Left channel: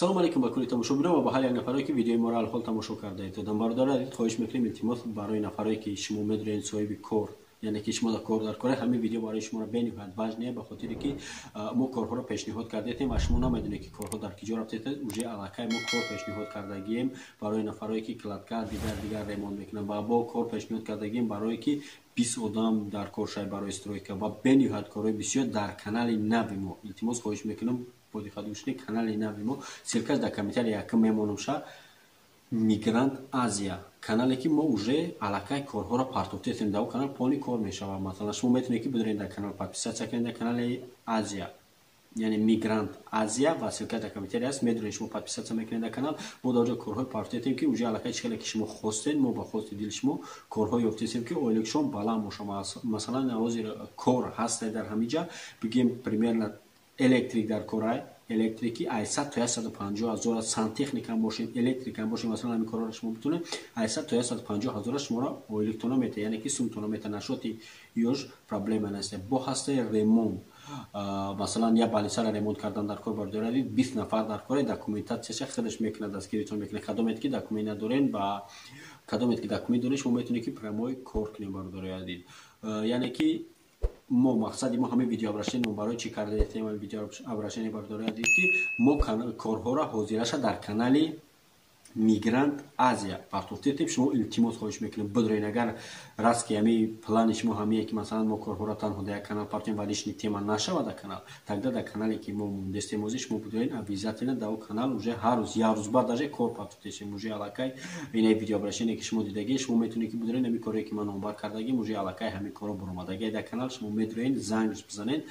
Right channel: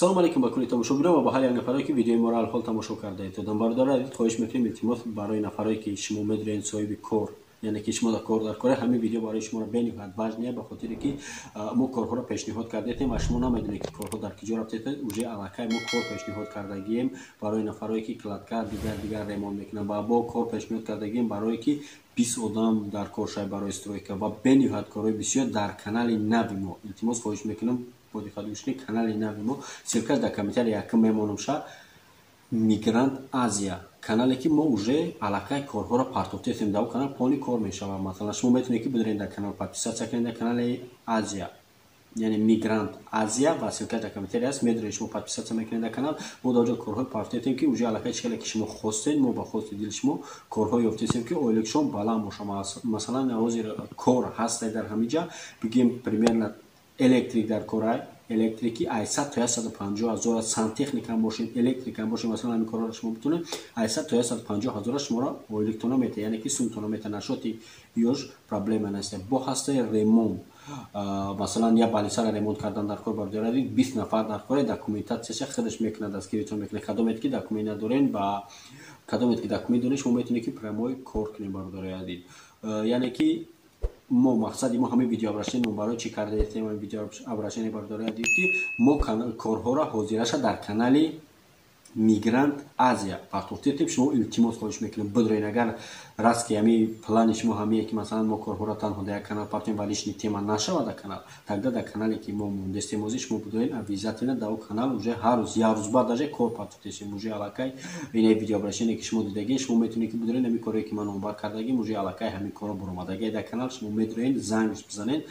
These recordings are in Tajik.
салом алейкум ба кулли тамошобинон ва ба ҳар як нафаре ки видеои моро алҳол тамошо кардаед. Дамбардора адид хоҳиш мекунем илтимос барои нафаре ки шумо медонед соҳиби кор, яъне ки шумо кор дар кора, ҳамин видео барои шуморо бениҳоят важне, ба хотире ки мо корҳоро пешниҳод кардетем ва шумо намедонед ки корҳо дар киҷо рафтед. уже аллакай мо кор пешниҳод кардагием барои нафаре ки кладкар дигар ремонт мекунанд ва бо кор пешниҳод кардагием барое ки 20 одам дар кор шавад барои стройка ва бениҳоят корҳои бисёр дар канали нави мо. Илтимос хоҳиш мекунам бо диққат гӯш канали нави мо ссилкаш дар комментария якм мемонамша Мигрант Азия канале ки мо уже аллакай корҳоро партофтем дар канал полни кор мешавад. Масалан шумо метавонед ки бидоред дар канал подписатсия кунед дар канали Азия, яъне Мигрант Азия ва ссилкаш дар комментария аст. медонед шумо подписатсия мекунед дар канал, мо дар ҷо корҳои партофтем ки уже аллакай чӣ ки шумо хостед, мо ба хости дили шумо корҳои ёфтем ки ойлик шумо баланд бошад. Масалан ҳозир кор ҳастед дар ҳамин ҷа, бигем примерно электрик дар кора, электрики 800 то 150 ҳазор, сантехника бошед, электрика бошед, масалан ҳамин корҳоро шумо битунед 800 то 150 ҳазор шуморо ойликтона мета, яъне ки сумтона мета, нашоти ёш проблема нест. бо ҳастаи ремонт, масалан я балисара ремонт кардан дар кор бардоред 20 нафар дар кор, документатсияш худаш мекунад, дастгиритон мекунад, кадомет ки документ надорен ба кадомет ки документ доред шумо метавонед ки прямой кор кунед бардоред. яъне ки мо мақсади мо ҳамин видео обращение барои чӣ кардем, ҳамин видео обращение бардоред ки мо корҳоро ҳозираша дар канали Мигрант Азия партофтем. шумо илтимос хоҳиш мекунем бидоред, агар раст ки ҳамин плани шумо ҳамие ки масалан мо корҳоро танҳо дар як канал партофтем вали лишни тема нашавад дар канал, тогда дар канале ки мо мондестем ҳозир шумо бидоред обязательно дар он канал уже ҳар рӯз як рӯз баъд даже кор партофтем. уже аллакай ин видео обращение ки шумо дидагӣ, шумо метавонед ки бидоред ҳамин корҳое ки ман онбар кардагим, уже аллакай ҳамин корҳо баромадагӣ дар канал, шумо метавонед занг бизанед.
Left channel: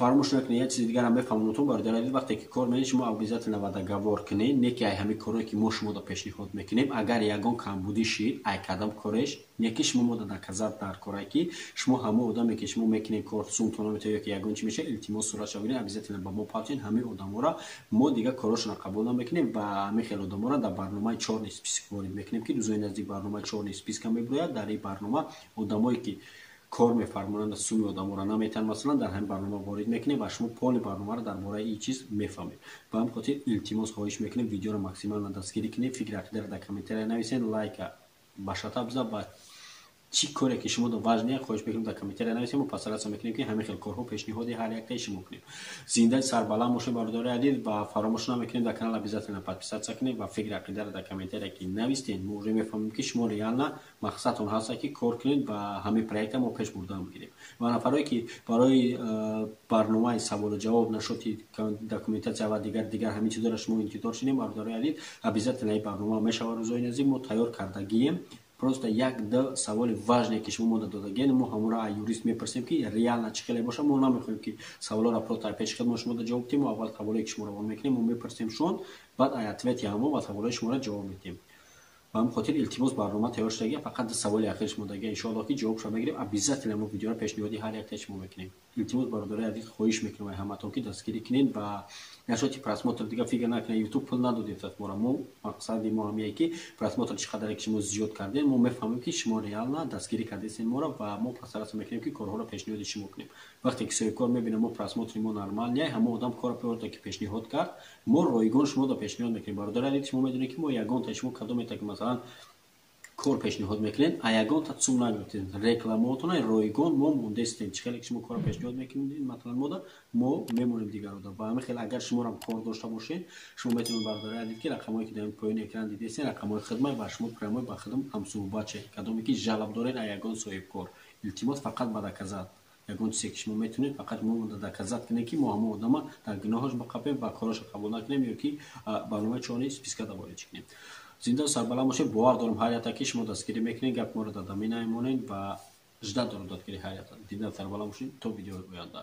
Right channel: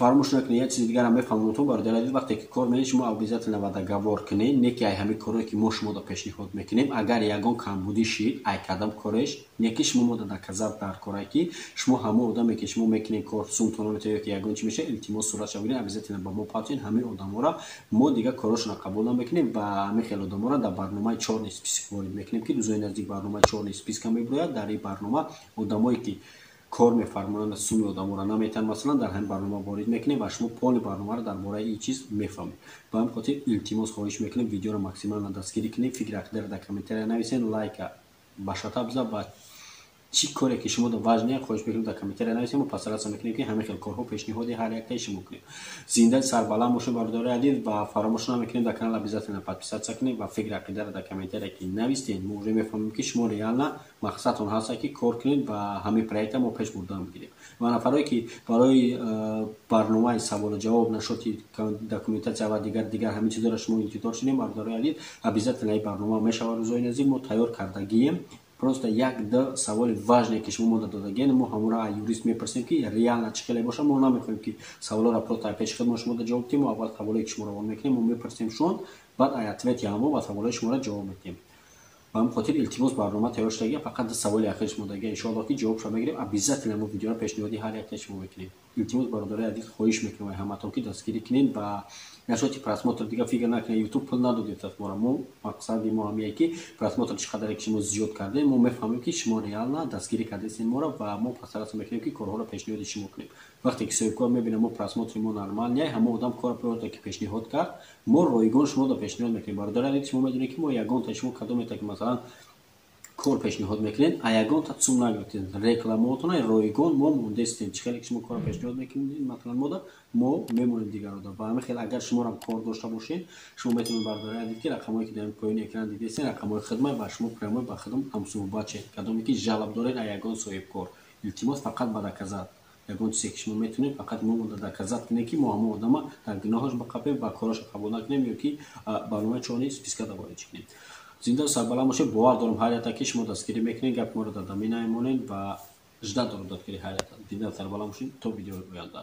фаромӯш накунед, як чизи дигарам мефаҳмонатон бародаред, вақте ки кор менед шумо обязательно ва договор кунед, не ки ай ҳамин корҳое ки мо шуморо пешниҳод мекунем, агар ягон камбудӣ шид ай кадам кореш, не ки шумо мода доказат дар кора ки шумо ҳамон одаме ки шумо мекунед кор сумтона метавонед ки ягон чӣ меша, илтимос суратша бигиред, обязательно ба мо партофтем. ҳамин одаморо мо дигар корашонро қабул намекунем ва ҳамин хел одаморо дар барномаи 4 список ворид мекунем ки рӯзои наздик барномаи 4 списка меброяд. дар ин барнома одамое ки кор мефармоянд суми одаморо наметавонанд масалан дар ҳамин барнома ворид мекунем ва шумо полни барномаро дар бораи ин чиз мефаҳмед. ба ҳамин хотир илтимос хоҳиш мекунем видеоро максималан дастгирӣ кунед, фикри ақидаро дар комментария нависед, лайка ба шата биза, ба чӣ коре ки шумо важне хоҳиш мекунем дар комментария нависед, мо пасараса мекунем ки ҳамин хел корҳо пешниҳоди ҳар яктаи шумо кунем. зиндаи сарбаланд бошед бардори адид ва фаромӯш намекунем дар канал обязательно подписатсия кунем ва фикри ақидаро дар комментария ки навистед, мо уже мефаҳмем ки шумо реально мақсадтон ҳаст ки кор кунед ва ҳамин проекта мо пеш бурда мегирем. ва нафаре ки барои барномаи саволу ҷавоб, нашоти документатсия ва дигар ҳамин чизоро шумо интизор шудем бардори адид, обязательно ин барнома мешавад рӯзои наздик, мо тайёр кардагием. просто як-ду саволи важне ки шумо мода додагием, мо ҳамонро аз юрист мепурсем ки реально чӣ хеле боша, мо намехоҳем ки саволоро просто пеши худмон шумо ҷавоб дем, мо аввал саволое ки шуморо вон мекунем, мо мепурсем шон, баъд аз ответи ҳамон ба саволои шуморо ҷавоб медиҳем. ба ҳамин хотир илтимос барнома тайёр шудагӣ, фақат саволи ахир шумо дагӣ иншоаллоҳ ки ҷавобшро мегирем, обязательно мо видеоро пешниҳоди ҳар яктаи шумо мекунем. илтимос бародари азиз хоҳиш мекунам ҳаматон ки дастгирӣ кунед ба нашоти просмотр, дигар фикр накунед ютуб пул надодед аз моро. мо мақсади мо ҳамие ки просмотр чӣ қадаре ки шумо зиёд кардед, мо мефаҳмем ки шумо реально дастгирӣ кардед моро ва мо пасараса мекунем ки корҳоро пешниҳоди шумо кунем. вақте ки соҳибкор мебинем мо просмотри мо нормал не, ҳамон одам кора пиёрда ки пешниҳод кард, мо ройгон шуморо пешниҳод мекунем. бародари азиз шумо медонед ки мо ягонта шумо кадомета ки масалан кор пешниҳод мекунед, а ягонта сум нагиртед, рекламаотона ройгон мо мондестем, чӣ хеле ки шумо кора пешниҳод мекунед матлан мода мо мемонем дигар одам. ба ҳамин хел агар шуморо кор дошта бошед, шумо метавонед бардори адид ки рақамое ки дар поёни экран дидесед, рақамои хидмат ба шумо прямой ба хидм ҳамсуҳбат шед, кадоме ки жалаб доред аз ягон соҳибкор. илтимос фақат ба доказат, ягон чизе ки шумо метавонед фақат мо доказат кунед ки мо ҳамон одама дар гуноҳаш бақапем ва кораша қабул накунем ё ки барномаи 4 списка даворид кунем. зинда сарбаланд бошед. бовар дорам ҳар якта ки шумо дастгирӣ мекунед, гап моро дар дамин намемонед ва жда дорам дастгирии ҳар якта. зинда сарбаланд бошед то видеои оянда.